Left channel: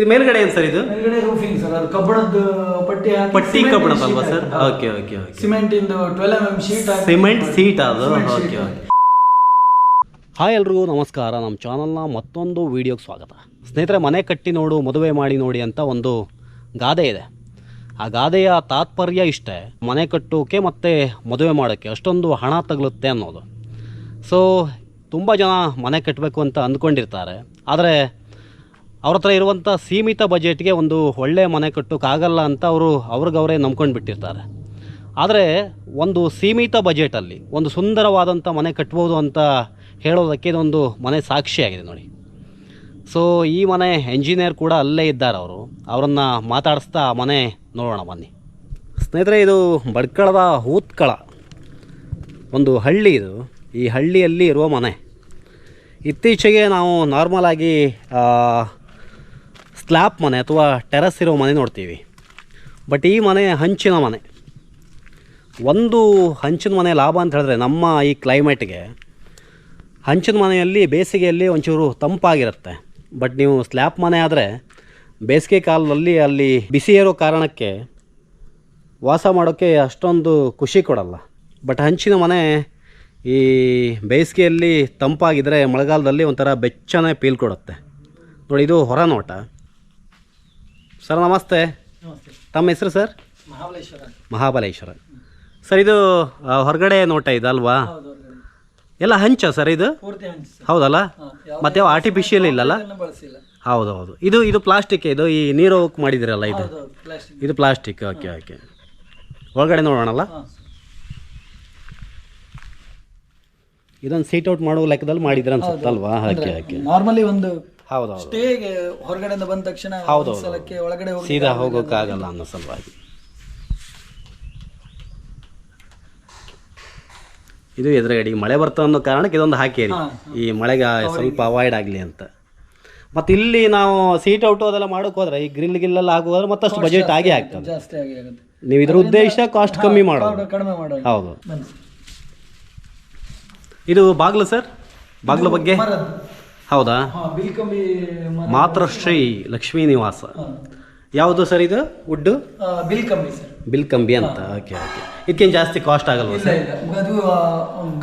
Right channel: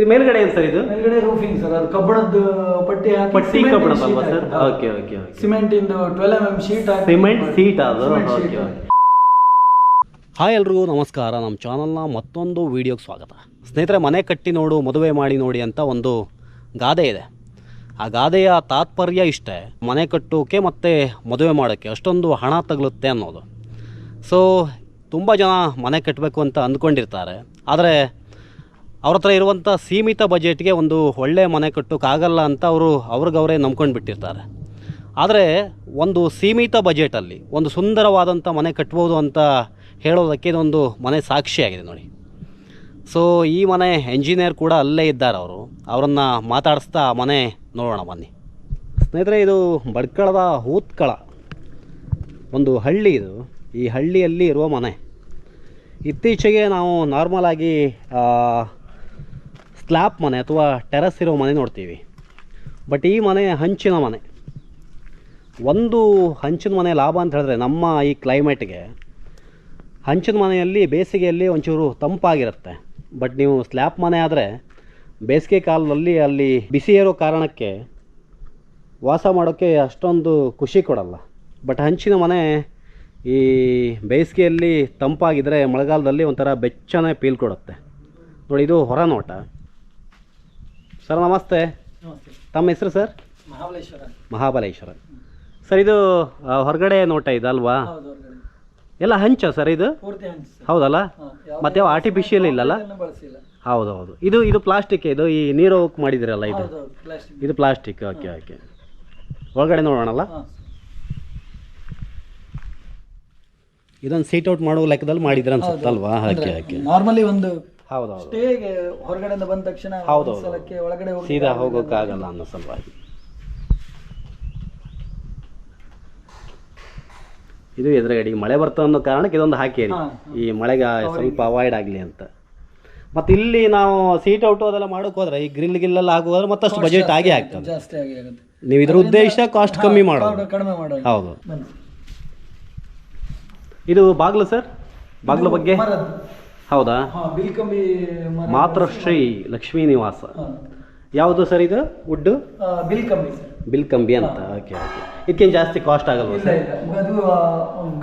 ಇದು ಮೇಲ್ಗಡೆ ಏನು ಸರ್ ಇದು? ಮೇಲ್ಗಡೆ ರೂಫಿಂಗ್ ಸರ್ ಅದು ಕಬ್ಬಣದ ಪಟ್ಟಿ ಹಾಕಿ ಪಟ್ಟಿ cement ಕಬ್ಬಣದ sheet ಅಲ್ವಾ sir. Okay okay okay cement ಇಂದು twelve M M sheet cement sheet ಅದು? ಓಕೆ ಓಕೆ ಹಾಯ್ ಎಲ್ರಿಗೂ ನಮಸ್ಕಾರ. ನಮ್ಮ ಚಾನಲ್ನ ಮತ್ತೊಂದು ವೀಡಿಯೋಗೆ ಸ್ವಾಗತ. ಸ್ನೇಹಿತರೆ ಮನೆ ಕಟ್ಟಿ ನೋಡು ಮದುವೆ ಮಾಡಿ ನೋಡಿ ಅಂತ ಒಂದು ಗಾದೆ ಇದೆ. ಆ ಗಾದೆಯ ತಾತ್ಪರ್ಯ ಇಷ್ಟೇ. ಮನೆ ಕಟ್ಟೋಕೆ ಮತ್ತು ಮದುವೆ ಮಾಡೋಕ್ಕೆ ಅಷ್ಟೊಂದು ಹಣ ತಗಲುತ್ತೆ ಅನ್ನೋದು. ಸೊ ತುಂಬ ಜನ ಮನೆ ಕಟ್ಟಬೇಕು ಅಂತ ಅಂದ್ಕೊಂಡಿರ್ತಾರೆ. ಆದರೆ ಅವ್ರ ಹತ್ರ ಇರುವಂಥ ಸೀಮಿತ ಬಜೆಟ್ಗೆ ಒಂದು ಒಳ್ಳೆಯ ಮನೆ ಕಟ್ಟೋಕ್ಕಾಗಲ್ಲ ಅಂತ ಅವರು ಅವ್ರಿಗವರೇ ನಂಬ್ಕೊಂಡು ಬಿಟ್ಟಿರ್ತಾರೆ. ಆದರೆ ಒಂದು ಸೀಮಿತ ಬಜೆಟಲ್ಲಿ ಒಂದು ಸುಂದರವಾದಂಥ ಮನೆ ಕಟ್ಬೋದು ಅಂತ ಹೇಳೋದಕ್ಕೆ ಇದೊಂದು ಮನೆ ಸಾಕ್ಷಿಯಾಗಿದೆ ನೋಡಿ. ಸೊ ಈ ಮನೆ ಎಂಜಿನಿಯರ್ ಕೂಡ ಅಲ್ಲೇ ಇದ್ದಾರೆ ಅವರು. ಅವರನ್ನು ಮಾತಾಡಿಸ್ತಾ ಆ ಮನೆ ನೋಡೋಣ ಬನ್ನಿ. ಸ್ನೇಹಿತರೆ, ಇದು ಬಡ್ಕಳದ ಹೂತ್ಕಳ. ಒಂದು ಹಳ್ಳಿ ಇದು. ಈ ಹಳ್ಳಿಯಲ್ಲಿ ಇರುವ ಮನೆ. ಇತ್ತೀಚೆಗೆ ನಾವು ನಾರ್ಮಲಾಗಿ ಸ್ಲ್ಯಾಪ್ ಮನೆ ಅಥವಾ ಟೆರಸ್ ಇರೋ ಮನೆ ನೋಡ್ತೀವಿ. ಬಟ್ ಈ ಮನೆ ಹಂಚಿನ ಮನೆ. ಒಂದು ಹಂಚಿನ ಮನೆ ಲಾಭ ಅಂತ ಹೇಳಿದ್ರೆ ನಮ್ಮ ಈ ಕ್ಲೈಮೇಟ್ಗೆ ಹಂಚಿನ ಮನೆಯಲ್ಲಿ ಬೇಸಿಗೆಯಲ್ಲಿ ಒಂಚೂರು ತಂಪಾಗಿರುತ್ತೆ. ಬಟ್ ನೀವು ಸ್ಲ್ಯಾಪ್ ಮನೆ ಆದರೆ ಬೇಸಿಗೆ ಕಾಲದಲ್ಲಿ ಅಲ್ಲಿ ಬಿಸಿ ಇರೋ ಕಾರಣಕ್ಕೆ ವಾಸ ಮಾಡೋಕ್ಕೆ ಅಷ್ಟೊಂದು ಖುಷಿ ಕೊಡಲ್ಲ. ಬಟ್ ಹಂಚಿನ ಮನೆ ಈ ಬೇಸಿಗೆಯಲ್ಲಿ ತಂಪಾಗಿದ್ದರೆ ಮಳೆಗಾಲದಲ್ಲಿ ಒಂಥರ ಬೆಚ್ಚನೆ ಪೀಲ್ ಕೊಡುತ್ತೆ. ನೋಡಿ ಇದು ಹೊರ ನೋಟ ಸರ್ ನಮಸ್ತೆ ತಮ್ಮ ಹೆಸರು ಸರ್ ಮಹಾಬಲೇಶ್ವರ. ಸರ್ ಇದು ಹೊರಗಡೆ ನೋಟ ಇದಲ್ವಾ ಎಲ್ಲ ಹಂಚ ಸರ್ ಇದು? ಹೌದಲ್ಲ? ಮತ್ತೆ ಆರ್ಟಿಫಿಷಿಯಲ್ ಇಲ್ಲಲ್ಲ? ಹೌದು ಹೌದು ಇದು ಇದು ಪ್ಲಾಸ್ಟಿಕ್ ಇದು ಈ ನೀರು ಹೋಗಿ ಮಾಡಿದಿರಲ್ಲ ಇದು? ಇದು ಪ್ಲಾಸ್ಟಿಕ್ ಓಕೆ ಓಕೆ ಒಳಗಡೆ ನೋಡೋಣಲ್ಲ? ಇದೊಂದು ಸೀಟ್ ಔಟ್ ಮಾಡೋ ಲೆಕ್ಕದಲ್ಲಿ ಮಾಡಿದ್ರೆ ಅನ್ಸುತ್ತಲ್ವಾ ಹಾಕಿ ಹಾಕಿ ನಾರ್ಮಲಿ ಒಂದು ಹೌದು ಸ್ಟೇಗೆ ಹೊರಗಡೆಯಿಂದ ಬಂದ ತಕ್ಷಣ ಹೌದು, ಒಂದ್ ಸಲಕ್ಕೆ ಒಳಗಡೆ ಹೋಗಿ ಸೀದಾ ಹೋಗೋಕ್ಕಾಗಲ್ಲ ಅನ್ನೋ ಸಲುವಾಗಿ. ಇದು ಎದುರುಗಡೆ ಮಳೆ ಬರ್ತದೆ ಅನ್ನೋ ಕಾರಣಕ್ಕೆ ಇದೊಂದು ಹಾಕಿರಿ. ಈ ಮಳೆಗೆ ಸ್ವಲ್ಪ ಅವಾಯ್ಡ್ ಆಗಲಿ ಅಂತ. ಮತ್ತು ಇಲ್ಲಿ ನಾವು ಸೀಟ್ ಔಟ್ ಅದೆಲ್ಲ ಮಾಡೋಕೆ ಹೋದ್ರೆ ಈ ಗ್ರಿಲ್ ಗಿಲ್ಲೆಲ್ಲ ಹಾಕೋದ್ರೆ ಮತ್ತಷ್ಟು ಬಜೆಟ್ ಆಗೇ ಆಗ್ತದೆ. ಜಾಸ್ತಿ ಆಗಿ ಆಗುತ್ತೆ. ನೀವು ಇದ್ರ ಉದ್ದೇಶ ಕಾಸ್ಟ್ ಕಮ್ಮಿ ಮಾಡೋದು. ಕಡಿಮೆ ಹೌದು. ಬನ್ನಿ. ಇದು ಬಾಗ್ಲು ಸರ್? ಬಾಗ್ಲು ಬಗ್ಗೆ? ಮರದ್ದು. ಹೌದಾ? ಹಾ ಬಿಲ್ಕಂಬಿ ಮರ ಮಾತೃಶ್ರೀ ಲಕ್ಷ್ಮೀ ನಿವಾಸ. ಯಾವುದು ಸರ್ ಇದು? ವುಡ್ಡು ಬಿಲ್ ಬಿಲ್ಕಂಬಿ ಸರ್. ಬಿಲ್ ಕಂಬಿ ಅಂತ ಓಕೆ ಓಕೆ. ಇದಕ್ಕೇನು ಜಾಸ್ತಿ ಕಾಸ್ಟ್ ಆಗಲ್ಲ ಇಲ್ಲ ಇಲ್ಲ. ಅದು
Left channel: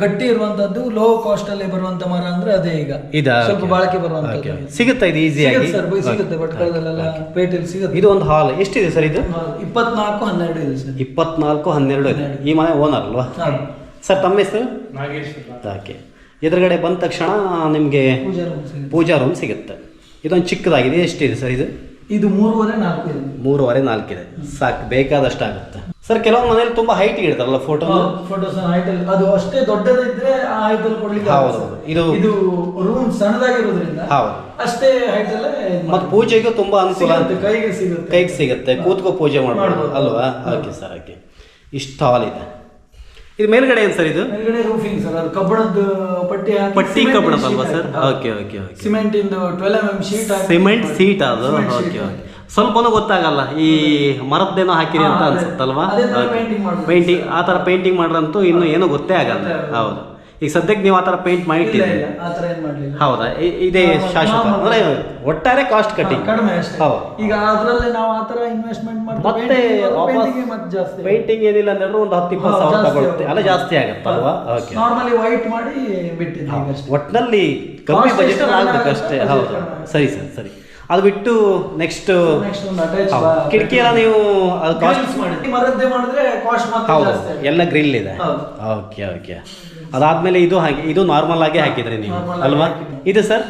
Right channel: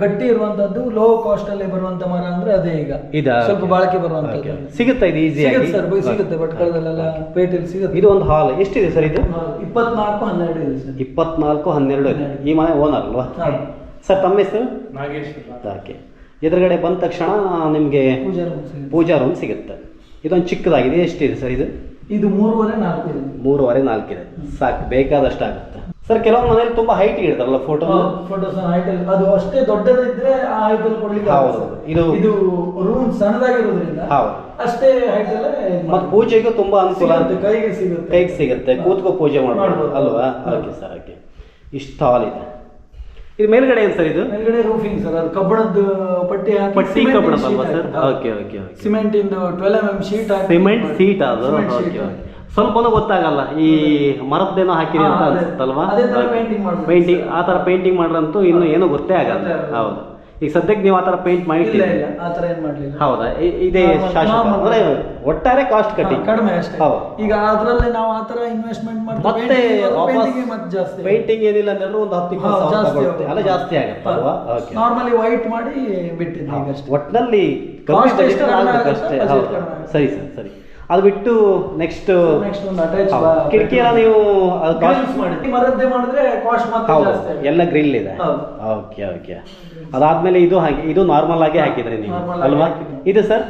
ಗಟ್ಟಿ ಇರುವಂತದ್ದು ಲೋ ಕಾಸ್ಟ್ ಅಲ್ಲಿ ಬರುವಂತ ಮರ ಅಂದ್ರೆ ಅದೇ ಈಗ. ಇದು? ಸ್ವಲ್ಪ ಬಾಳಿಕೆ ಬರುವಂತ ಸಿಗುತ್ತೆ ಇದು ಈಸಿ ಸಿಗುತ್ತೆ ಸರ್ ಸಿಗುತ್ತೆ ಭಟ್ಕಳದಲ್ಲೆಲ್ಲ ಪೇಟೆಯಲ್ಲಿ ಸಿಗುತ್ತೆ. ಇದು ಒಂದು ಹಾಲ್ ಎಷ್ಟಿದೆ ಸರ್ ಇದು? ಇಪ್ಪತ್ನಾಲ್ಕು ಹನ್ನೆರಡು ಇದೆ ಸರ್. ಇಪ್ಪತ್ನಾಲ್ಕು ಹನ್ನೆರಡು ಇದೆ. ಈ ಮನೆ ಓನರ್ ಅಲ್ವಾ. ಸರ್ ತಮ್ಮ ಹೆಸರು? ಓಕೆ. ಎದುರುಗಡೆ ಬಂದ ತಕ್ಷಣ ನಿಮಗೆ ಪೂಜಾ ರೂಮ್ ಸಿಗುತ್ತೆ. ಪೂಜಾ ರೂಮ್ ಸಿಗುತ್ತೆ. ಇದೊಂದು ಚಿಕ್ಕದಾಗಿದೆ. ಎಷ್ಟಿದೆ ಸರ್ ಇದು? ಇದು ಮೂರುವರೆ ನಾಲ್ಕು ಇದೆ. ಮೂರುವರೆ ನಾಲ್ಕಿದೆ ಸಾಕು ಬೇಕಾದಷ್ಟು ಆಗುತ್ತೆ. ಸರ್ ಕೆಲವೊಂದು ಮನೇಲಿ ತುಂಬಾ ಹೈಟ್ ಇಡ್ತಾರಲ್ಲ ಫೋಟೋ ಫೋಟೋಸ್ ಹೈಟ್ ಅದು ಅಷ್ಟೇ ದೊಡ್ಡದಿದ್ರೆ ಆ ಹೈಟ್ ಅಲ್ಲಿ ಕೊಡ್ಲಿಕ್ಕೆ ಹೌದು. ಇದು- ಇದು ರೂಮ್ ಸಣ್ಣದಾಗಿರೋದ್ರಿಂದ ಹೌದು. ಅಷ್ಟೇ ಹೈಟ್ ಅಲ್ಲೇ ಮತ್ತೆ ಪೂಜೆಗೂ ತುಂಬಾ ಅನುಕೂಲ ಆಗುತ್ತೆ. ಕೈಗೆ ಸಿಗುತ್ತೆ. ಕೈಗೆ ಸಿಗುತ್ತೆ. ಕೂತ್ಕೋ ಪೂಜೆ ಮಾಡ್ಬೋದು. ಅಲ್ವಾ? ಓಕೆ ಸರ್ ಓಕೆ ಇಷ್ಟು ಹಾಲ್ ಇದೆ. ಇದು ಮೇಲ್ಗಡೆ ಏನು ಸರ್ ಇದು? ಮೇಲ್ಗಡೆ ರೂಫಿಂಗ್ ಸರ್. ಅದು ಕಬ್ಬಣದ ಪಟ್ಟಿ ಹಾಕಿ ಪಟ್ಟಿ cement sheet ಅಲ್ವಾ sir. Okay okay okay cement ಇಂದು twelve M M sheet cement sheet ಅದು? ಓಕೆ. ಸ್ವಲ್ಪನೂ ಗೊತ್ತಾಗಲ್ಲ. ಈ ಮರದ್ದೇನೋ ಹಾಕಿರಿ ಅಂತ ಹಾ, ಅದೇ. ಅನ್ಸುತ್ತಲ್ವಾ? ಅದೇ ತರ painting ಮಾಡ್ಬೇಕು. ಪೇಂಟಿಂಗ್ ಆ ಥರ ಪೇಂಟಿಂಗ್ ಮಾಡ್ರಂತೂ ಇನ್ನು ಏನೂ ಗೊತ್ತೇ ಆಗಲ್ಲ. ಗೊತ್ತೇ ಆಗಲ್ಲ. ಹೌದು. ಈಗ ಸದ್ಯಕ್ಕೆ ನೀವು ಆ ಥರ ಪೇಂಟ್ ಇಲ್ಲ ಇಲ್ಲ ಆ ತರ ಏನ್ ಮಾಡ್ಲಿಲ್ಲ. ಹೌದಾ? ಇ- ಇದೇ ಶಾಶ್ವತ. ಅಂದ್ರೆ ಒಟ್ಟಾರೆ ಕಾಸ್ಟ್ ಕಟ್ಟಿ ಕಡಿಮೆ ಅಷ್ಟೇ. ಹೌದು. ಈಗ ಅದರಲ್ಲಿ ನಾವು ಆ ಥರ ಇನ್ವೆಸ್ಟ್ಮೆಂಟ್ ಮತ್ತೆ ವಾಪಸ್ ಮತ್ತೆ ಜಾಸ್ತಿ. ಪೇಂಟಿಂಗ್ ಏನಿಲ್ಲ ಅಂದ್ರೆ ಒಂದು ಹತ್ತು ಇಪ್ಪತ್ತು ಸಾವಿರ ಜಾಸ್ತಿ ತಗೊಳುತ್ತೆ ಅಲ್ಲ ಆಗುತ್ತೆ. ಜಾಸ್ತಿ ಆಗುತ್ತಲ್ವಾ? ಓಕೆ ನಾರ್ಮಲಿ ವೈಟ್ ಮಾಡಿ ಬಿಟ್ಟಿದ್ದೀವಿ ಈಗ ಅಷ್ಟೇ ಒಟ್ಟಿನಲ್ಲಿ ಕಮ್ಮಿ Cost ಬಜೆಟ್ ಎಷ್ಟು ಕಡಿಮೆ ಆಗುತ್ತೆ, ಅಷ್ಟೇ. budget ಹೌದು. ಕಡಿಮೆ ಆಗುತ್ತೆ. ಸರಿ ಸರ್ ಸರಿ. ಅದು ಬಿಟ್ಟು ನೆಕ್ಸ್ಟ್ ಕಿಟಕಿ ಎಲ್ಲ ನೀವು ಮರದ್ದೇ ಮಾಡಿದ್ರೆ. ಕಾಸ್ಟ್ ಮತ್ತೆ ಎಲ್ಲ ಗ್ರಿಲ್ ಇದೆ. ಓಕೆ ಓಕೆ ಅದಾದ್ಮೇಲೆ ಇದು ಹಾಕಿ ಇದು ನಾರ್ಮಲ್ ಆಗಿ ಹಾಕಿದ್ರೆ ನೀವು ಅಲ್ವಾ? ಇದು ಸರ್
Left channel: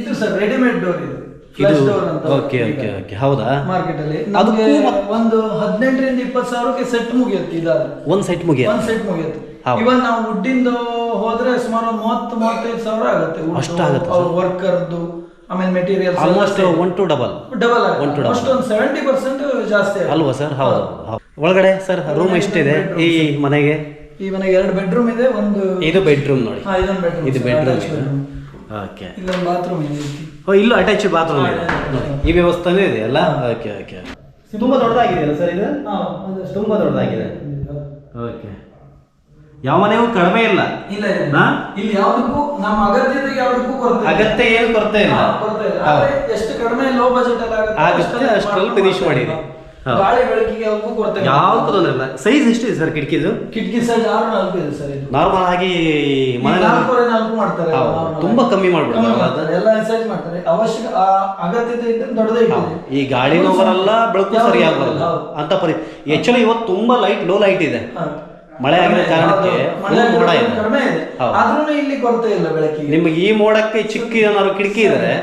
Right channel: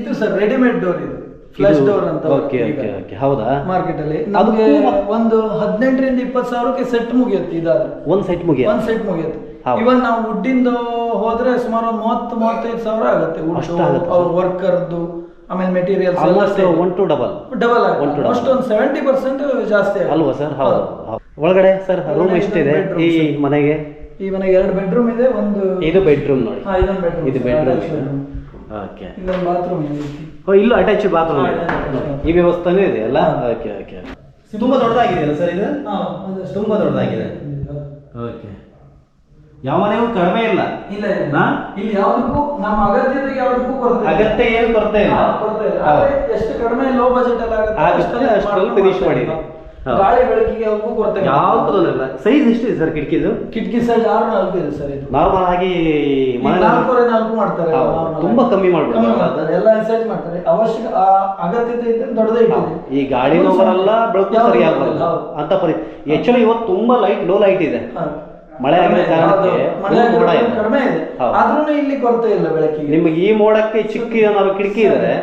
ಇದು ಸರ್ ರೆಡಿಮೇಡ್ ಡೋರ್ ಇದು. ಫ್ಲಶ್ ಡೋರ್ ಅಂತ ಓಕೆ ಓಕೆ ಓಕೆ ಹೌದಾ? ಮಾರ್ಕೆಟ್ ಅಲ್ಲಿ. ನಮಗೆ ಒಂದು ಹದಿನೆಂಟರಿಂದ ಇಪ್ಪತ್ತು ಸಾವಿರಕ್ಕೆ ಸೆಟ್ ಮುಗಿಯುತ್ತೆ ಇದಾದ್ರೆ. ಒಂದ್ ಸೆಟ್ ಮುಗಿಯ ಒಂದ್ ಸೆಟ್ ಮುಗಿಯುತ್ತೆ. ಇವನ್ ನಾವು ವುಡ್ಡಿಂದು ಹೋದ್ರೆ ಸುಮಾರು ಒಂದು ಮೂವತ್ತು ಮೂವತ್ತೈದು ಸಾವಿರ ಆಗುತ್ತೆ. ಅಷ್ಟು ಆಗುತ್ತೆ ಅವ್ರ ವರ್ಕರ್ದು ಆಮೇಲೆ materials almost one to double double to ಆಗುತ್ತೆ. Double. ಅಷ್ಟೊಂದು ಸೆವೆಂಟಿ ಪರ್ಸೆಂಟ್ ಜಾಸ್ತಿ. ಅಲ್ವಾ ಸರ್? ಹೌದು. ಒಳಗಡೆ ಸರ್ ರೂಮ್ ಎಷ್ಟು ಎಷ್ಟಿದೆ? ಈ ಮನೆಗೆ? ಈ ಮನೆಗೆ ಎರಡು ಬೆಡ್ರೂಮ್ ಇದೆ ಒಂದು ಇದು ಬೆಡ್ರೂಮ್ ನೋಡಿ. ಹಾ, ಇದೊಂದು ಬೆಡ್ರೂಮ್ ಇದು ಬೆಡ್ರೂಮ್ ಓಕೆ ಇಲ್ಲೊಂದು ಬಾತ್ರೂಮ್ ಇದೆ ಓ ಇಲ್ಲೂ ಅಟ್ಯಾಚ್ ಬಾತ್ರೂಮ್ ಇದೆ. ಈ ವ್ಯವಸ್ಥೆನೂ ಇದೆ ಅಲ್ಲ? ಓಕೆ ಓಕೆ ತುಂಬಾ ದೊಡ್ಡದಾಗಿದೆ ಸರ್ ಇದು. ತುಂಬಾ ದೊಡ್ಡದಾಗಿದೆ. ಓಕೆ ಯಾವ ಮನೆಗೂ ಕಡಿಮೆ ಇಲ್ಲ ಇಲ್ಲ ಇಲ್ಲ. ಯಾವುದಕ್ಕೂ ನಮ್ಮ ಅಗತ್ಯತೆಗೆ ಯಾವುದಕ್ಕೂ ಕೊರತೆ. ಅಗತ್ಯ ಏನು ಕೊರತೆ ಇಲ್ಲ ಕೊರತೆ ಇಲ್ಲ. ಆದ್ರೆ ಎಷ್ಟು ಕಡಿಮೆ ಲೋ ಬಜೆಟ್ ಅಲ್ಲಿ ಆಗುತ್ತೆ ಅಷ್ಟರಲ್ಲಿ ಫಿನಿಶ್. ಹೌದು. ಗಾಳಿ ಬೆಳಕಿಗೆ ಯಾವುದಕ್ಕೂ ಕೊರತೆ. ಯಾವ ಇಲ್ಲ ಸೈಜ್ ಎಷ್ಟಿದೆ ಸರ್ ಕಿಟಕಿದು ಕಿಟಕಿ ಸೈಜ್ ಆರು ನಾಲ್ಕು ಇದೆ ಸರ್ ಇದು ನಾರ್ಮಲ್ ಆಗಿ ನಾಲ್ಕೂವರೆ ನಾಲ್ಕು ಮಾಡ್ತಾರೆ. ತುಂಬಾ ಕಮ್ಮಿ ಮಾಡ್ಬಿಡ್ತಾರೆ. ಎಲ್ಲ ಸೈಜ್ ಮಾಡ್ತಾರೆ ಅವಶ್ಯಕ ಅಗತ್ಯತೆ ಇದ್ದರೆ ದೊಡ್ಡದೇ ಈ ಗಾಳಿ ಬರಲ್ಲ ಬೆಳಕು ಸರಿಯಾಗಿ ಬರಲ್ಲ, ಅಂತ ಪರಿ ಆಕ್ಚುಲಿ ಇವತ್ತು ತುಂಬಾ ಲೈಟ್ ಲೋ ಲೈಟ್ ಇದೆ. ಮಳೆ ಕಡಿಮೆ, ಕಾರಣಕ್ಕೆ ಮಳೆ ಮೋಡ ಇದೆ. ಕಡಿಮೆ ಇದೆ. ಆದ್ರೂ ಇಲ್ಲಿ ಕೊರತೆ ಇಲ್ಲ ಬೆಳಕಿಗೆ. ನಿಮಗೆ ಈ ಮೋಡಕ್ಕೆ ಚಿಕ್ಕ ಏನಾದ್ರು ಕಿಟಕಿ ಇದ್ರೆ.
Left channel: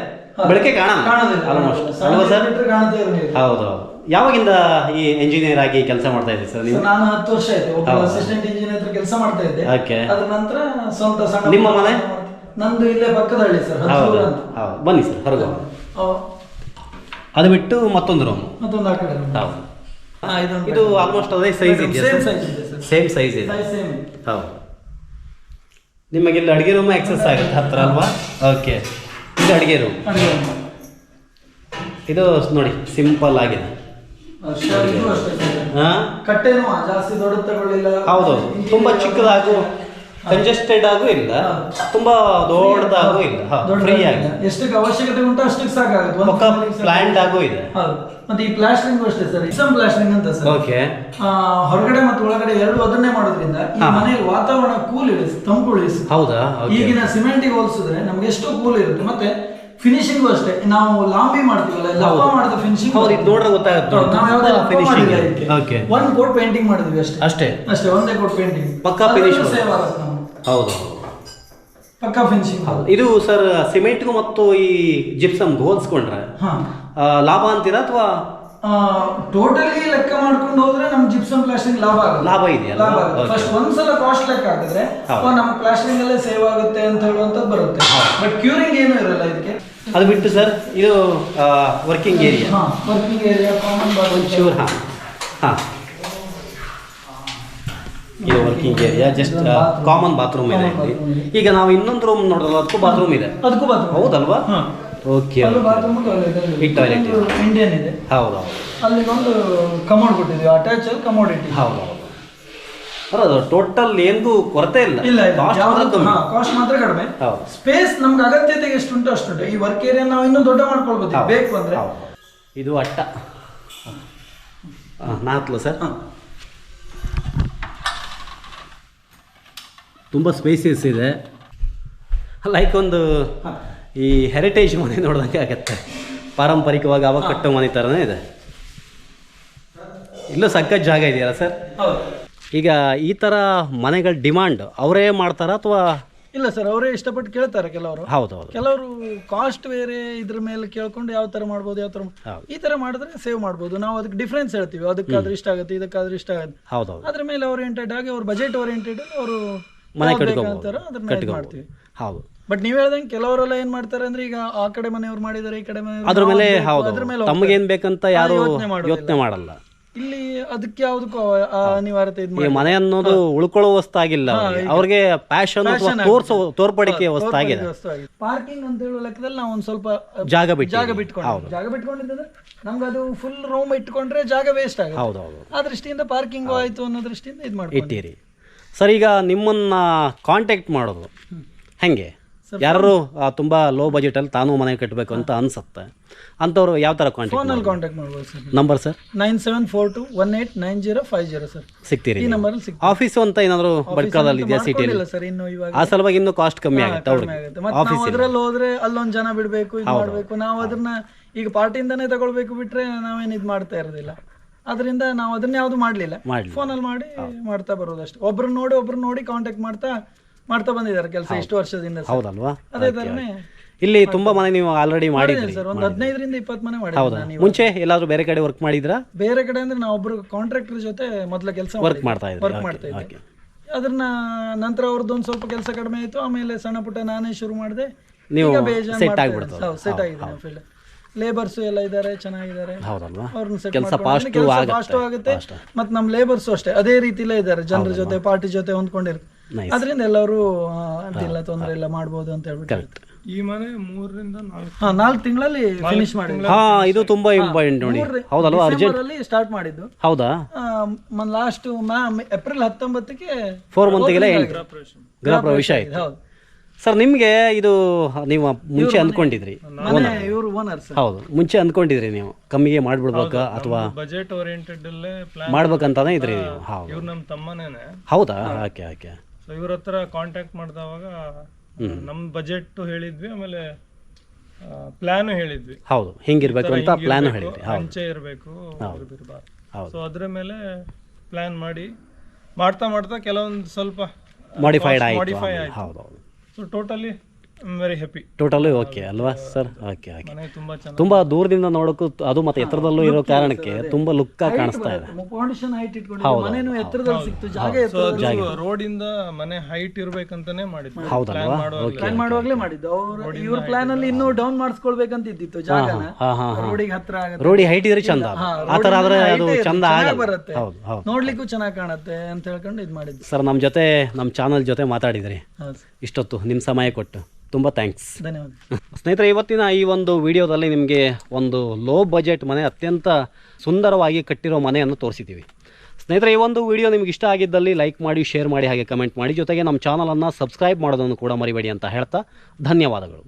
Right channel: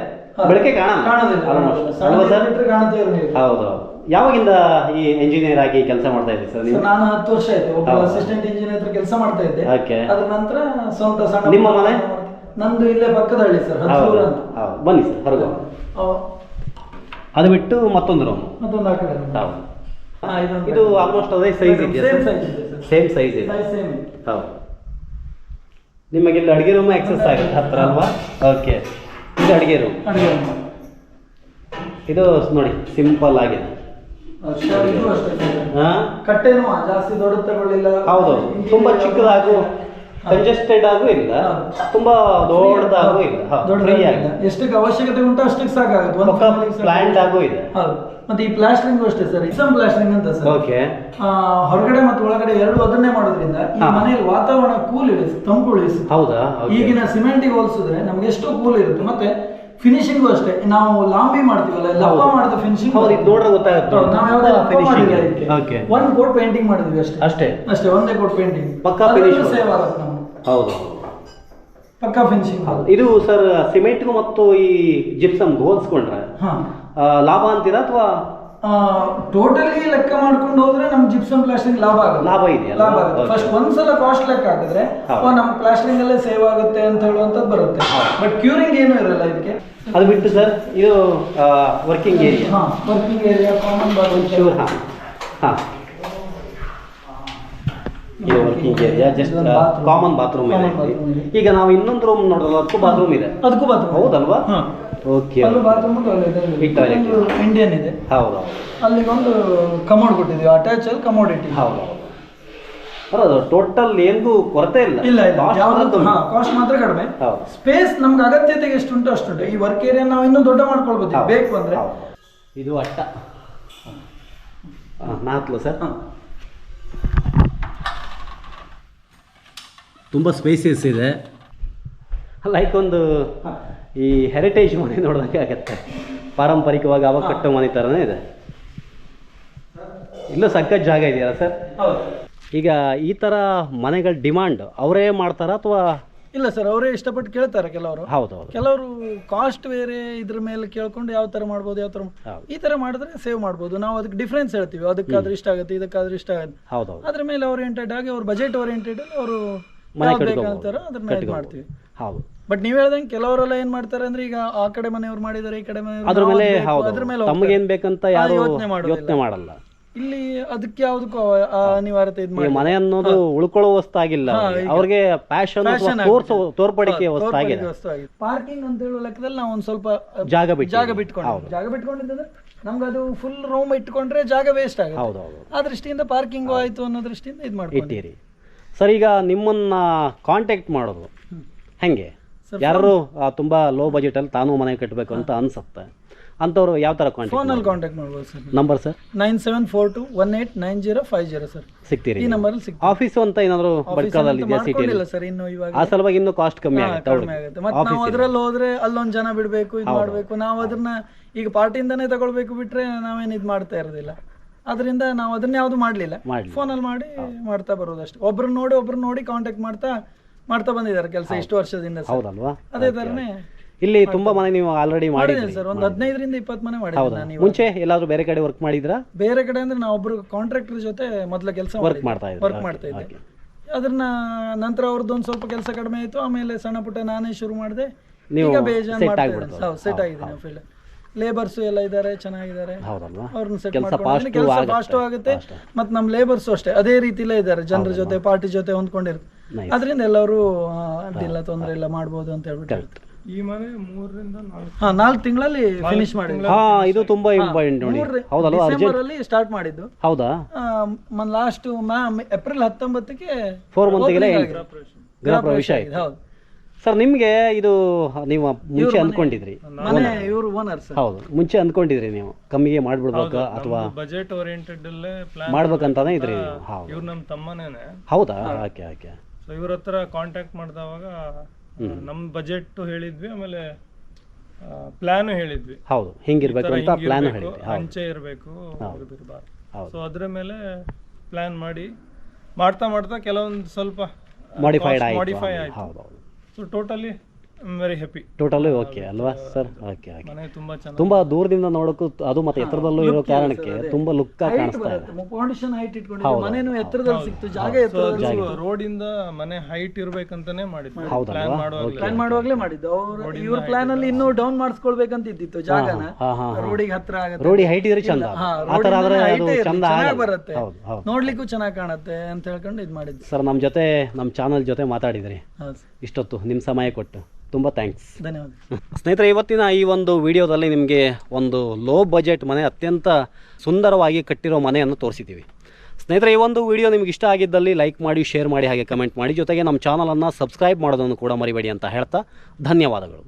ಬೆಳಕೆ ಕಾಣೋದಿಲ್ಲ. ಆಲ್ಮೋಸ್ಟ್. ಅಲ್ವಾ ಸರ್. ಕಾಣುತ್ತೆ ಇರಲಿಲ್ಲ ಹೌದು. ಯಾವಾಗಿಂದ ಈ ಎಂಜಿನಿಯರ್ ಆಗಿ ಕೆಲಸ ಮಾಡ್ತಾ ಇದ್ದೀವಿ ಸರ್ ನೀವು? ನಾನು ಹತ್ತು ವರ್ಷ ಆಯ್ತು. ಒಬ್ಬ ಅಸಿಸ್ಟೆಂಟ್ ಇಂಜಿನಿಯರ್ ಹತ್ರ ಕೆಲಸ ಮಾಡ್ತಾ ಇದ್ದೆ. ಓಕೆ. ಅದ್ರ ನಂತರ ಸ್ವಂತ ಸಣ್ಣ ನಿಮ್ಮ ಮನೆ? ನಂದು ಇಲ್ಲೇ ಪಕ್ಕದ ಹಳ್ಳಿ ಸರ್ ಹೌದು. ಹೌದು. ಬನ್ನಿ ಸರ್ ಹೊರಗೆ ಅದು ಬಿಟ್ಟು ಮತ್ತೊಂದು ರೂಮ್ ಮತ್ತೊಂದು ಆ ಕಡೆ. ಹೌದು. ಇದು ಆಲ್ಮೋಸ್ಟ್ ಅದೇ ಸೈಜ್ ಇದೆ ಸೇಮ್ ಸೈಜ್ ಇದೆ. ಸೇಮ್ ಸೈಜ್ ಇದೆ. ಸೈಜ್ ಸೇಮ್ ಹೌದು. ನಿಮಗೆ ಇಲ್ಲಿ ಅಡುಗೆ ರೂಮ್ ಆಕ್ಸೆಸ್ ಆಗುತ್ತೆ ಹತ್ರ ಅಲ್ವಾ? ಓಕೆ ಇದು ಅಡುಗೆ ರೂಮ್ ಅಡುಗೆ. ಇದು ನೋಡಿ ಸಿಂಪಲ್ ಆಗಿದೆ. ಹೌದೌದು ಇದು ಅಷ್ಟೇ ಸರ್. ಹಾ? ಕಟ್ಟೆನೂ ಜಾಸ್ತಿ ದೊಡ್ಡ ತಗೊಳ್ಳಿಲ್ಲ. ಹೌದು ತುಂಬಾ ಚಿಕ್ಕದಾಗೂ ಕಂಜೆಸ್ಟೆಡ್ ಆಗೂ ಇಲ್ಲ. ತುಂಬಾ ದೊಡ್ಡದಾಗೂ ಇಲ್ಲ. ಫ್ರೀ ಆಗಿ ಎಷ್ಟಕ್ಕೆ ಅವಶ್ಯಕತೆ ಉಂಟು ಅಷ್ಟಕ್ಕೆ ಸಾಕಾಗುತ್ತೆ. ಒಂದು. ಪ್ಲಾಂಟ್ ಆಗು ಇದೆ. ಹೌದು. ಮತ್ತೆ ಈ ಪ್ಲಾಸ್ಟರಿಂಗ್ ಅಷ್ಟೇ ಸರ್. ಇಸಮ್ ಪ್ಲಾಸ್ಟರಿಂಗ್ ಅಂತ ಸರ್. ಓಕೆ ಹೊರಗಡೆ ಮತ್ತು ಒಳಗಡೆ ಎರಡು ಅದನ್ನೇ ಮಾಡೋದ್ರಿಂದ ಈ ಮನೆಯಲ್ಲಿ ವಾತಾವರಣ ಕೂಲ್ ಇಳಿಸಿ ತಂಪು ಇಳಿಸಿ ಹೌದಾ? ಈಗಿನ ಸಿಮೆಂಟಿಗೆ ಹೋಲಿಸಿದ್ರೆ ನಮ್ಗೆ ಎಷ್ಟೋ ಕೂಲ್ ಇರುತ್ತೆ. ಮತ್ತೆ ಫಿನಿಶಿಂಗ್ ಅಷ್ಟೇ. ನಾವು ಲಾಂಬಿ ಮಾಡ್ತೀವಲ್ಲ ಲಪ್ಪ. ಮಾಡಿದ ಫಿನಿಶಿಂಗ್ ನೋಡ್ರೆ ಗೊತ್ತಾಗುತ್ತೆ. ನಾವು ಯಾವುದೇ ಫಿನಿಶಿಂಗ್. ಒಂದ್ ಕೋಟ್ ಪೇಂಟಿಂಗ್ ಮಾಡಿದ್ವಿ ಅಷ್ಟೇ. ಅಷ್ಟೇ. ಅಷ್ಟೇ ಒಂದೇ ಕೋಟ್ ಪೇಂಟಿಂಗ್ ಪಕ್ಕ ಫಿನಿಶ್ ಸೇವ್ ಆಗುತ್ತೆ ಹೌದು. ಪಕ್ಕ ಫಿನಿಶಿಂಗ್. ಇದು ಸರ್ ಸಿಮೆಂಟ್ಗೂ ಮತ್ತು ಈ ಜಿಪ್ಸಮ್ ಹೋಲಿಸ್ಕೊಂಡ್ರೆ? ಹಾ. ಲಾಭ ಅಂತೀರಾ ಅಥವಾ? ಟೋಟಲಿ ಲೆಕ್ಕ ಮಾಡ್ಕೊಂಡು ಹೋದ್ರೆ ನಮ್ ಜಿಪ್ಸಮ್ ಪ್ಲಾಸ್ಟರಿಂಗ್ ಲಾಭ ಲಾಭ ಇದೆ ಲಾಭ. ಫಸ್ಟ್ ಒಂದ್ಸಲ ಕಾಸ್ಟ್ ಲೆಕ್ಕ ಹಾಕಿದ್ರೆ ನಮ್ ಪ್ಲಾಸ್ಟಿಂಗ್ ಅಲ್ಲೇ ಸೇವ್ ಆಗುತ್ತೆ ಅಂತ ಹೇಳುವಂತದ್ದು ಬರುತ್ತೆ. ಬಟ್ ಕ್ಯೂರಿಂಗ್ ಏನು ಇರಲ್ಲ ಇದಕ್ಕೆ. ಅದು ಬಿಟ್ಟು ಸರ್ ಇದು ವರ್ಕಿಂಗ್ ಏರಿಯಾ ಹಾ ವರ್ಕಿಂಗ್ ಏರಿಯಾ ಕಾಮನ್ ಶೂರ್ ಹಾಂ. ಹಾಂ. ಇದು working area just common bathroom ಇದೆ. ಈಗ ನಾವು ಇನ್ನೊಂದು ರೂಮ್ ನೋಡೋದು ಅದಕ್ಕೂ ಬಾತ್ರೂಮ್ ಇದೆ. ಅದಕ್ಕೂ ಬಾತ್ರೂಮ್ ಹೌದಲ್ವಾ? ಓಕೆ ಅಲ್ಲೂ ಬಾತ್ರೂಮ್ ಈ toilet ಇದೆ. ಇಂಡಿಯನ್ ಇದೆ. ಹೌದು. ಅಲ್ಲಿ ಒಂದು ಕಮೋಡ್ ಕೊಟ್ಟಿದ್ದೀವಿ. ಅಟ್ಯಾಚ್ ಅಲ್ಲಿ ಕಮೋಡ್ ಇಟ್ಟಿದ್ದೀವಿ ಹೌದು. ಹೌದು ಟೋಟಲ್ ಏನು ಕೊರತೆ ಇಲ್ಲ. ಇಲ್ಲ ಇಲ್ಲ. Cost ಯಾವ್ದು ಕಮ್ಮಿ. ಕಾಸ್ಟ್ ಮಾತ್ರ ಕಡಿಮೆ. ಹೌದು. ಸ್ಪೇಸ್ ನಮ್ಗೆ ಅಗತ್ಯತೆಗೆ ಎಷ್ಟುಂಟು ಅಷ್ಟುಂಟು. ಈ ವರ್ಕ್ ಏರಿಯಾ ನಾವು ಇನ್ನೂ ದೊಡ್ಡ ಮಾಡ್ಕೊಳ್ಬೋದು. ಹೌದು. ಬೇಕು ಅಂದ್ರೆ. ಹೌದು. ಇದು ಅಟ್ಟ. ನಾಲ್ಕು ಸರ್ ತುಂಬ ಸ್ಪೇಸಿಯಸ್ ಇದೆ. ಲೈಕ್ ಒಂದು ಈ ಹೆರಿಟೇಜ್ ಮನೆ ನೋಡಿದಂಗೆ ಆಗತ್ತೆ. ಪಾರಂಪರಿಕವಾಗಿ ಅವಾಗ ಕಟ್ಟೋ ಮನೆ ಥರನೇ ಇದೆ. ಇಲ್ಲೂ ಸಖತ್ ಜಾಗ ಇದೆಯಲ್ಲ ಸರ್? ಈಗ ಈ ಥರ ಮನೆಗಳ ಡಿಮಾಂಡ್ ಅವರೇ ಮಾಡ್ತಾರಾ ಅಥವಾ? ಇಲ್ಲ ಸರ್ ಅವರೇ ಇಷ್ಟಪಟ್ಟು ಕೇಳ್ತಾರೆ ಕೆಲವರು. ಹೌದು ಹೌದು. ಕೆಲವರು ಕಾಸ್ಟ್ ಬೇರೆ ಇದ್ರ ಮೇಲೆ ಕೇಳ್ಕೊಂಡು ಯಾವ ತರ ಮಾಡ್ಬೋದು ಯಾವ ತರ ಈ ತರ ಮಾಡಿದ್ರೆ ಸೇವ್ ಮಾಡ್ಬೋದು. ನಾವು ಅದಕ್ಕೆ ಡಿಫ್ರೆನ್ಸ್ ಹೇಳ್ತೀವಿ. ಅದಕ್ಕಾದ್ರೆ ಇಷ್ಟ ಆಗುತ್ತೆ ಇದಕ್ಕಾದ್ರೆ ಇಷ್ಟ ಆಗುತ್ತೆ. ಹೌದು ಹೌದು. ಅದ್ರ ಮೇಲೆ ಓರಿಯೆಂಟೆಡ್ ಆಗಿ ಅವ್ರ ಬಜೆಟ್ ಓರಿಯೆಂಟೆಡ್ ಅವರು ಮನೆ ಇದು ಮಾಡ್ತೀವಿ. ಹೌದು. ಬಟ್ ನೀವ್ ಹೇಳ್ದಂಗೆ ಕೆಲವರೆಲ್ಲ ಏನ್ ಮಾಡ್ತಾರೆ ಅಂದ್ರೆ ಈಗ ಆ ಕಡೆ ಮನೆಯವ್ರು ಮಾಡಿದಾರೆ ಈ ಕಡೆ ಅದ್ರ ಮೇಲೆ ಹೌದು. ಅದ್ರ ಮೇಲೆ ತಮಗೇನು ಹೋಗ್ತಾರೆ. ಬೇಕಂತ ಯಾರು ಯೋಚ್ನೆ ಮಾಡಲ್ಲ. ಇಲ್ಲಿ ಅದಕ್ಕೆ ಯಾವ್ದಕ್ಕೂ ಅನಿವಾರ್ಯತೆ ಇದು ಮನೆ ಅನ್ನೋದು ಉಳ್ಕೊಳ್ಳೋ ವಸ್ತಾಗಿಲ್ಲ ಆಗಿಲ್ಲ ಅವ್ರಿಗೆ. ಪ್ಯಾಶನ್ ತೋರ್ಸೋ. ತೋರ್ಪಡಿಕೆ ವಸ್ತಾಗಿದೆ. ಪಾರ್ಕಿಂಗ್ ಅಂತ ಹೇಳೋ ಲೆಕ್ಕದಲ್ಲಿ ನಾವು ಒಂದ್ ಸ್ವಲ್ಪ ಜಾಗ ಬಿಟ್ಟು ಜಾಗ ಬಿಟ್ಕೊಂಡು ಜಾಗ ಬಿಟ್ಕೊಂಡಿದ್ದಂದ್ರೆ ನಮ್ಗೆ ಅದು ಫುಲ್ ರೂಮ್ ಇಟ್ಕೊಂಡ್ರೆ ಜಾಗ ವೇಸ್ಟ್ ಆಗುತ್ತೆ. ಆ ದೃಷ್ಟಿಯಿಂದ ಪಾರ್ಕಿಂಗ್ ಆಯ್ತು ಅನ್ನೋ ದೃಷ್ಟಿಯಿಂದ ಇದು ಇಟ್ಟಿರಿ. ಸರ್ ಈಗ ನಿಮ್ಮನ್ನ ಕಾಂಟ್ಯಾಕ್ಟ್ ಮಾಡೋದು. ಹೆಂಗೆ? ಯಾರು ತುಂಬಾ ಲೋ ಬಜೆಟ್ ಅಲ್ಲಿ ತಾನು ಮನೆ ಕಟ್ಟಬೇಕು ಅಂತ ಅನ್ಸುತ್ತೆ. ಅಂಥವ್ರು ಯಾವ ತರ ಕಾಂಟ್ಯಾಕ್ಟ್ ಫೋನಲ್ಲಿ ಕಾಂಟ್ಯಾಕ್ಟ್ ಮಾಡ್ಬೋದು sir. Number sir? Nine seven four two one eight nine zero five zero sir. ಸಿಗ್ತೀರಿ ಈ ನಂಬರಲ್ಲಿ ಸಿಗ್ತದೆ ಆಫೀಸು ಅಂತ ಏನಾದರೂ ಬಡ್ಕಾದಲ್ಲಿ ಇದೆಯಾ ಸಿಟಿಯಲ್ಲಿ ಇಲ್ಲ ಸರ್ ಇನ್ನು ಇವಾಗ. ಆ ಸಲುವಾಗಿ ಇನ್ನು ಕಾಸ್ಟ್ ಕಮ್ಮಿ ಕಡಿಮೆ ಆಗುತ್ತೆ ಮತ್ತೆ ನಾವು ಅದ್ರಲ್ಲಿ ಹೋದ್ರೆ ಅಲ್ಲೊಂದ್ ಜನ ಬಿಡ್ಬೇಕು ಇದು ಮಾಡಬೇಕು. ನಾವು ಅದನ್ನ ಈಗ ಪಾರ್ಟಿಯಿಂದನೇ ತಗೊಳ್ಬೇಕು ಬಿಟ್ರೆ ನಾವೇನ್ ಇದು ಮಾಡ್ತಾ ಇರೋದಿಲ್ಲ. ಅದರಿಂದ ನಾವು ಅದನ್ನ ಯಾವ್ದು ಮಾಡ್ಲಿಲ್ಲ. ಫೋನ್ ಫೋನಲ್ಲಿ ಮಾಡಿ ಮಾಡ್ತಾ ಬರೋದಷ್ಟೇ. ಒಬ್ರನ್ನ ನೋಡಿ ಒಬ್ರನ್ನ ನೋಡಿ ಕಾಂಟ್ಯಾಕ್ಟ್ ಮಾಡ್ತಾ ಮಾಡ್ತಾ ಬಂದಿದ್ದಾರೆ ಕೆಲಸ ಇಷ್ಟು ವರ್ಷದಿಂದ ಸರ್. ಹೌದಲ್ವಾ? ಅದೇ ತರನೇ ಇಲ್ಲಿ ತುಂಬಾ ಮನೆ ನೀವು ಆಲ್ರೆಡಿ ಮಾಡಿದ್ರಿ ಸರ್ ಒಂದು ಹದಿನೈದರಿಂದ ಇಪ್ಪತ್ತು ಮನೆ ಮಾಡಿದ್ದೀನಿ ಹೌದಾ? ನಾನು ಇವಾಗ. ಮುಂಚೆ ಎಲ್ಲಾದ್ರೂ ಬೇರೆ ಕಡೆ ವರ್ಕ್ ಮಾಡಿದ್ರಾ ಬೇರೆ ಕಡೆ ಅಂದ್ರೆ ನಾವು ಒಬ್ರು ಕಾಂಟ್ರಾಕ್ಟರ್ ಜೊತೆ ಮೊದಲ ಕೆಲಸ ವರ್ಕ್ ಮಾಡ್ತಾ ವರ್ಕ್ ಮಾಡ್ತಾ ಇದ್ದೆ ಅದನ್ನ ನಂತರ ಅವ್ರದ್ದು ಒಂದು ಸ್ವಲ್ಪ ಕೆಲಸ ಕಡಿಮೆ ಆಯ್ತು. ಆಮೇಲೆ ಸಣ್ಣ ಪುಟ್ಟ ನಾನೇ ಶುರು ಮಾಡಿದೆ. ನೀವು set ಮಾಡ್ತಾ ಆಗ್ಬಿಡ್ತು. ಸೆಟ್ ಆಗಿದೆ ಫೀಲ್ಡ್ ಲೇಬರ್ಸ್ ಎಲ್ಲ ಇದ್ದಾರೆ ಚೆನ್ನಾಗಿದ್ದಾರೆ ಹೌದಲ್ವಾ? ಅವ್ರನ್ನ ಸೆಟ್ ಕೆಲ್ಸ fast ಕೆಲಸ ಆಗುತ್ತೆ. ಫಾಸ್ಟ್ ಆಗುತ್ತೆ. ಮತ್ತೆ ನಮ್ಮ ಲೇಬರ್ಸ್ ಅಷ್ಟೇ. ಅದೇ ರೀತಿಲೇ ಇದ್ದಾರೆ ಜನರ ಜೊತೆ ಪಾರ್ಟಿ ಜೊತೆ ಹೊಂದ್ಕೊಂಡಿರ್ತಾರೆ. ಅದರಿಂದ ಎಲ್ಲರೂ ಅಡ್ಡಿಲ್ಲ ತೊಂದರೆ ಇಲ್ಲ ಮಾಡ್ಬೋದು ಅಂತ ಹೇಳ್ಬಿಟ್ಟು ಕರೆಕ್ಟ್ ಈ ಮನೆ ಮೂರರಿಂದ ನಾಲ್ಕು. ಹಾ ನಾಲ್ಕು ತಿಂಗಳಲ್ಲಿ ಫಿನಿಶ್ ಮಾಡಿದ್ವಿ ಹಾ ಇದು ತುಂಬಾ ಇಂಪಾರ್ಟೆಂಟ್ ನೋಡಿ. ಹೌದಲ್ವಾ ಅರ್ಜೆಂಟ್? ಅಲ್ಲಿ ಸ್ಟಾರ್ಟ್ ಮಾಡಿದ್ದು. ಹೌದಾ? ಲಾಸ್ಟ್ ಏಪ್ರಿಲ್ ಹತ್ತೊಂಬತ್ತಕ್ಕೆ ಫೋರ್ ಮಂತ್ಗೆಲ್ಲ ಗೃಹ ಪ್ರವೇಶ. ಆಯ್ತು. ಹೌದು. ಸರ್ ನಿಮಗೆ ಇದು ನೀವು ಮುಂಚೆ ಅಂದ್ಕೊಂಡಿದ್ರಿ ಮನೆ ಇವರು ಓನರ್ ಸರ್ ಹೌದು. ಮುಂಚೆ ಅಂದ್ಕೊಂಡಿದ್ರಿ ನೀವು. ಕಮ್ಮಿಗೆ ಮಾಡ್ಬಿಡ್ಬೇಕು ಅಥವಾ ಬಜೆಟ್ ಓರಿಯೆಂಟೆಡ್ ಅಲ್ಲೇ ಪ್ಲಾನ್ ಮಾಡ್ಬೇಕಂತಾನೆ ಇದ್ರಿ ನೀವು. ಹೌದು. ಇವ್ರು ನಮ್ಮ ತಮ್ಮನೇನೆ. ಹೌದಾ? Okay okay. ಸೊ ಇವ್ರ ಹತ್ರ ಕಾಂಟ್ಯಾಕ್ಟ್ ಮಾಡಿದವಾಗ ನಮ್ಮ ಬಜೆಟ್ ಹೇಳಿದ್ವಿ ಆಮೇಲೆ ಪ್ಲಾನ್ ಹೇಳಿದ್ವಿ. ಹೌದು. ಹಿಂಗಿರ್ಬೇಕು ಅಂತ ಪ್ಲಾನ್ ಹೇಳಿದ್ವಿ ಅಂಚೆ ಇರಬೇಕು ಹೌದು. ಸೊ ಅದ್ರ ಮೇಲೆ ಪ್ಲಾನ್ ಮಾಡಿ ಮಾಡ್ತಾ ಮಾಡ್ತಾ ಕೆಲವೊಂದು ಸ್ವಲ್ಪ ಮಾಡಿಫೈಡ್ ಆಯ್ತು ಮಾಡಿಫೈ ಆಯ್ತು. ಹೌದು. So totally very happy totally okay ಅಲ್ವಾ? ಸರ್ ಓಕೆ ಓಕೆ ಮನೆ ತುಂಬಾ ಚೆನ್ನಾಗಿ ತುಂಬಾ ದೂರದಿಂದ ನೋಡೋಕ್ಕೂ ಅದು ಮತ್ತೆ ಎತ್ತರದಲ್ಲೂ ಇರೋ ಕಾರಣಕ್ಕೆ ತುಂಬಾ ಲುಕ್ ಕಾಣಿಸ್ತಾ ಇದೆ. ಫೌಂಡೇಶನ್ ಹೈಟ್ ಇಟ್ಕೊಂಡಿದ್ವಿ ಮನೇನು ಎತ್ತರದಲ್ಲಿ ಸಿಕ್ತು. ಜಾಗ ಎತ್ತರದಲ್ಲಿ ರೋಡ್ ಇಂದ ಮನೆ ಹೈಟ್ ಇರ್ಬೇಕಂತಾನೆ ಮಾಡಿದ್ವಿ ಹೌದಲ್ವಾ? ಪ್ಲಾನ್ ಮಾಡುವಾಗ ಪ್ಲಾನ್ ಮಾಡುವಾಗ್ಲೇ ಮಾಡಿದ್ದು. ಅವ್ರು ಇವ್ರ ಪ್ಲಾನ್ ಅಲ್ಲಿ ಇನ್ನೂ ಡೌನ್ ಮಾಡಿಸ್ಕೊಳ್ಬೇಕಂತ ಇದ್ದಿತ್ತು ಜಾಗನ. ಹಾ ಹಾ ರೋಡಿಗೆ ಹತ್ರ ಆಗುತ್ತೆ. ರೋಡಿ ಹೈಟ್ ಇದ್ರೆ ಚಂದ ಹಾ, ಆ ಥರ ಆದ್ರೆ road ಅದು ಚಂದ ಚೆನ್ನಾಗ್ ಆಗಲ್ಲ. ಬರುತ್ತೆ. ಹೌದು ಹೌದು. ನೋಡ್ಲಿಕ್ಕೂ ಚೆನ್ನಾಗಿ ಕಾಣುತ್ತೆ ಅಂತ ಹೇಳ್ಕೊಂಡು ಇದು ಮಾಡಿದ್ದು. ಸರ್ ನಮ್ಮ ಜೊತೆ ನಮ್ಮ ಚಾನಲ್ ಜೊತೆ ಮಾತಾಡಿದ್ರಿ. ಹೌದು ಇಷ್ಟೊತ್ತು ನಿಮ್ಮ ಸಮಯ ಕೊಟ್ಟು. ತುಂಬ ಥ್ಯಾಂಕ್ಸ್ ಧನ್ಯವಾದ. ಸ್ನೇಹಿತರೆ ಇವತ್ತಿನ ಈ ಒಂದು ವಿಡಿಯೋದಲ್ಲಿ ನಿಮಗೆ ಒಂದು ಲೋ ಬಜೆಟ್ ಮನೆ ಅತ್ಯಂತ ಸುಂದರವಾಗಿ ಕಟ್ಟಿರೋ ಮನೆಯನ್ನು ತೋರಿಸಿದ್ದೀವಿ. ಸ್ನೇಹಿತರೆ ಈ ಒಂದು ವಿಡಿಯೋ ನಿಮ್ಗೆ ಇಷ್ಟ ಆಗಿದ್ದಲ್ಲಿ ಲೈಕ್ ಮಾಡಿ ಶೇರ್ ಮಾಡಿ ಹಾಗೆ ಕಮೆಂಟ್ ಮಾಡಿ. ಜೊತೆಗೆ ನಮ್ಮ ಚಾನಲನ್ನು ಸಬ್ಸ್ಕ್ರೈಬ್ ಮಾಡೋದನ್ನು ಕೂಡ ಮರಿಬೇಡಿ ಅಂತ ಹೇಳ್ತಾ ಧನ್ಯವಾದಗಳು.